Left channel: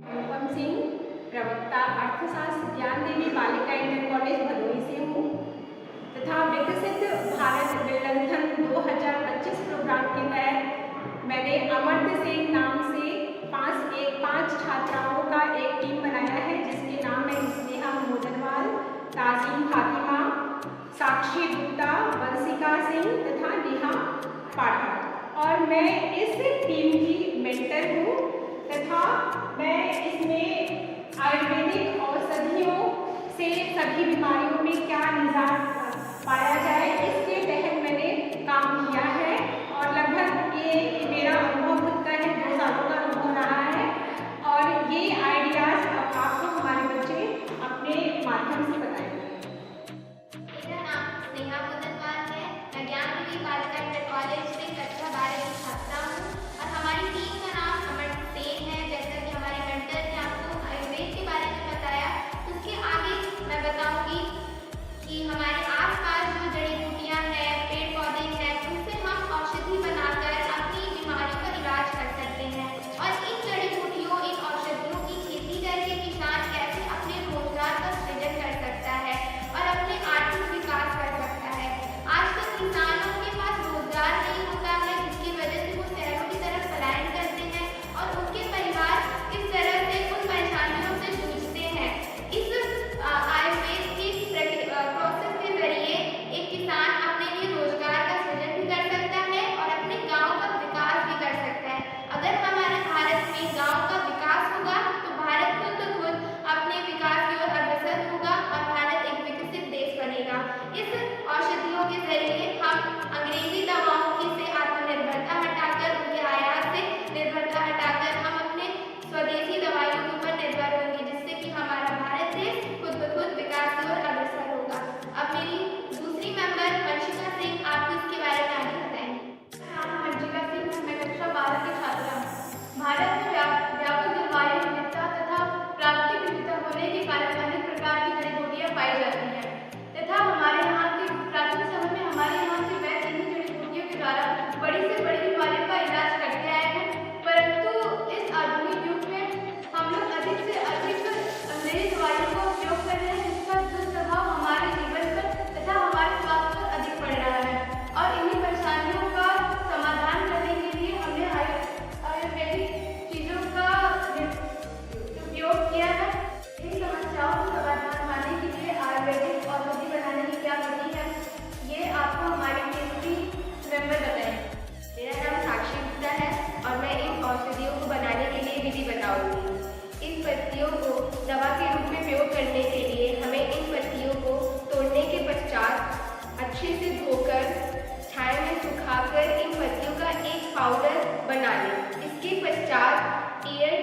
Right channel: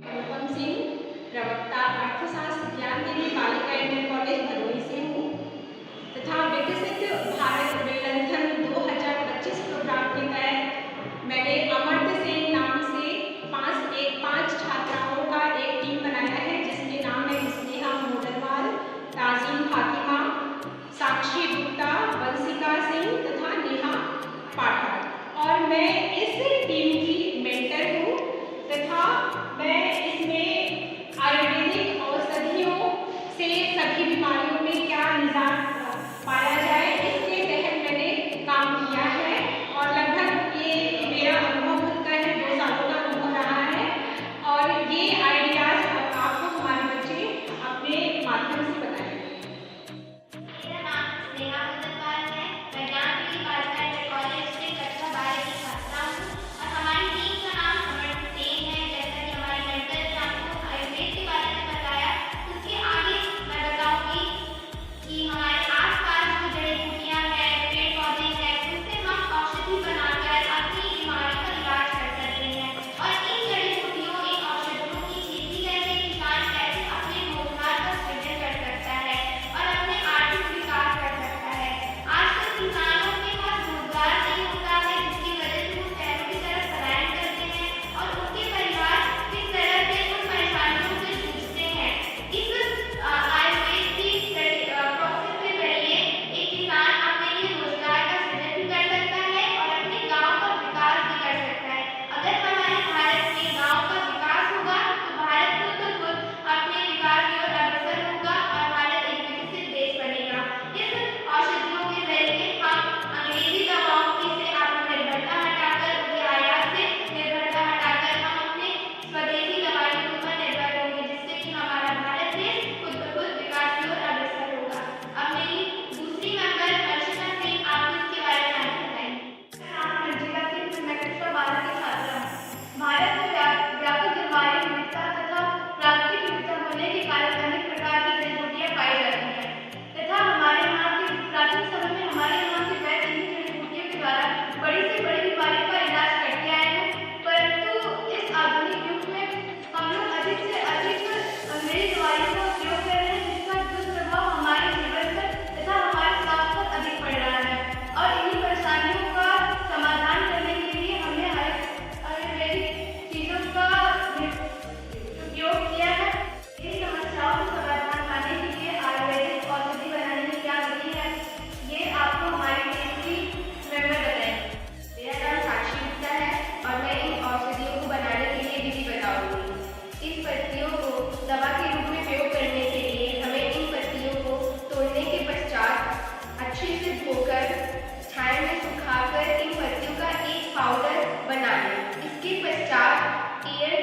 अनुपम सिंह, प्रवक्ता अर्थशास्त्र ज्ञान देवी बालिका इंटर कॉलेज भदोही से हूँ तथा विकसित भारत वेलंथन 2025 प्रोग्राम के तहत मैंने अमर्त्य सेन नाम से पांच छात्राओं का एक टीम बनाया है, जिसके नाम है इस्तिहा मोडनवाल, ताजीम फातिमा, साक्षी गुप्ता, वंशिका सिंह तथा नेहा पाठक। और मैं इस टीम की मेंटर हूँ तथा मैं इसमें आयुर्वेदिक औषधियों से सभी बीमारियों में क्या निजात पाया जाए, इसके तहत मैंने काम किया है। और लगभग ये मेरा अनुभव खुद है, 2 सालों का अनुभव रहा है। और ये आइडियाज आपको हमारे बच्चे अपने माध्यम से बताएंगे। मेरा नाम नेहा मोडनवाल है। मैं ज्ञान देवी बालिका इंटर कॉलेज से कक्षा 12 की छात्रा हूँ और हमारी टीम का नाम अमर्त्य सेन है। जैसा कि हमारी मेंटर ने आपको आयुर्वेद के बारे में बताया, उसके आगे मैं बताऊंगी कि हमारे आसपास जो जड़ी बूटियां हैं, पेड़ पौधे हैं, उनसे हम औषधि बनाकर अपनी बीमारियों का इलाज कर सकते हैं। और इन जड़ी बूटियों, इन औषधियों की खेती करके किसान कैसे अपने रोजगार का सृजन कर सकता है और अपने आर्थिक विकास कर सकता है। आजकल किसानों के पास रोजगार नहीं होता है, जिसकी वजह से वो शहरों की तरफ पलायन करते हैं और उनके परिवार इस तरह से उन परेशानियों से जूझते हैं। इस आयुर्वेद की प्रोसेस के जरिए एक किसान अपने लिए रोजगार का सृजन भी कर सकता है और अपने गांव का विकास भी कर सकता है। अगर हमारे भारत में गांव का विकास होगा तो भारत खुद ब खुद अपने विकास की ओर अग्रसर होगा और भारत एक विकसित देश बनेगा। इस औषधियों के जरिए हम अंग्रेजी दवाओं की से आत्मनिर्भरता हटाकर, उनके आयात से निर्भरता हटाकर हम अपने स्वदेशी दवाइयों के ऊपर निर्भर होंगे, जिससे कि हमारा भारत देश खुद ब खुद विकास की ओर अग्रसर होगा। अब मेरी दूसरी मेंबर वंशिका सिंह आपको इसके बारे में आगे बताएंगी। मेरा नाम वंशिका सिंह, मैं कक्षा 12 की छात्रा हूँ। भारत में व्यापक जलवायु विविधता तथा प्राकृतिक विविधता होने के कारण अनेक प्रकार की जड़ी बूटियां पाई जाती हैं तथा हमारे यहाँ के प्राचीन समय में हमारे यहाँ के वैद्य इन्हीं जड़ी बूटियों के द्वारा बड़ी से बड़ी बीमारियों का इलाज करते आए हैं। परंतु इस आधुनिक युग में हम लोग अधिक से अधिक अंग्रेजी दवाइयों का उपयोग कर रहे हैं, जिसका दुष्प्रभाव हमारे जीवन पर तथा हमारे स्वास्थ्य पर अधिक पड़ रहा है। और इन्हीं परेशानियों का समाधान करने के लिए हमने आयुर्वेदिक चीजों का उपयोग किया है। इन समस्याओं का समाधान पाने के लिए आयुर्वेदिक औषधि बनाने की क्या विधि है, ये आपको हमारी टीम की मेंबर बताएंगे। मेरा नाम साक्षी गुप्ता है और मैं इन औषधियों को बनाने के लिए विधि बताऊंगी। इन पत्तियों को दवा के रूप में प्रयोग करने के लिए हमें इन पत्तियों को तोड़ने के पश्चात अच्छे से धोकर छाया में सुखाकर इन पत्तियों का एक पाउडर बना लें। इसके पश्चात एयर